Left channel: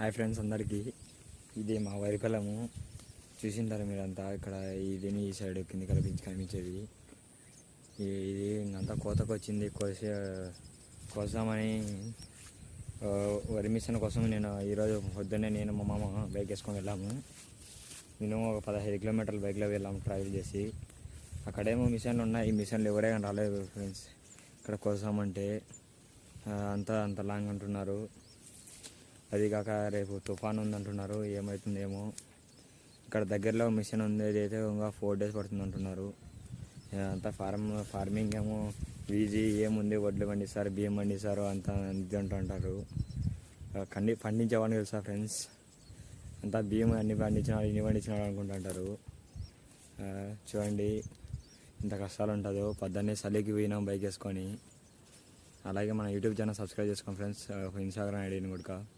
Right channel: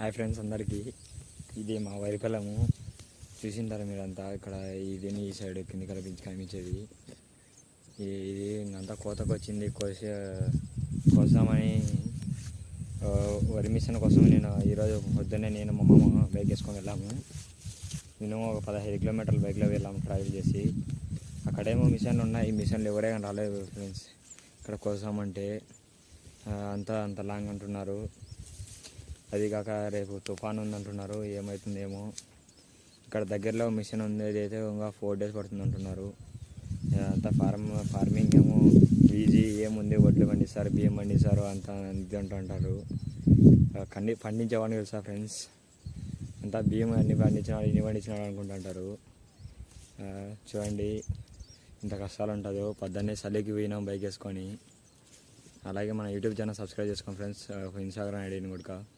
Hi friends అందరికీ, ఇది మా వరి పొలము చూసింటారు మీరంతా. ఇక్కడ ఇది ఈ సైడ్ కింది కనిపించేది ఇది అంతా కోతకు వచ్చింది. కోసామని వరి మిషన్ కోసం నేను ఈరోజు పొద్దున్నే నేను మా మామ బైక్ వేసుకొని వెళ్ళాము. మినిమం ఒక 15 కిలోమీటర్లు బైక్లో వెళ్ళాము ట్రావెల్ చేసి. అక్కడేమో మిషన్లు ఉన్నాయి, ఈ మిషన్లు ఎవరే కానీ రాలేదు ఫ్రెండ్స్. ఇక్కడ కోసామంటే అంత లాంగ్ అంటున్నారు. అది కాక రేపు తుఫాన్ ఉందంటున్నారు, ఏమవుతుందేమో. ఇక్కడ దగ్గరలో మిషన్ ఉంది, అయితే ఇంకా 4 days పడుతుంది అంటున్నారు. అంతా ఫార్మింగ్ ఏమో ఈజీ ఏముంది, వడ్లు పండిస్తారు, బియ్యం పండిస్తారు, అంత ఇది అంటుంటారు. పండించేవాడిని తెలుసా ఫ్రెండ్స్, అంతా బియ్యం అన్ని పండించినాడు అనుకుంటుంటారు. చూడండి ఇంత కష్టాలు ఉంటుందో. పొద్దున్నే చలికి పోయినాం బైక్ వేసుకొని. అలాగే మన యూట్యూబ్ ఛానల్ సబ్స్క్రైబ్ చేసుకోండి ఫ్రెండ్స్, ఇన్స్టాగ్రామ్ ఐడిని కూడా.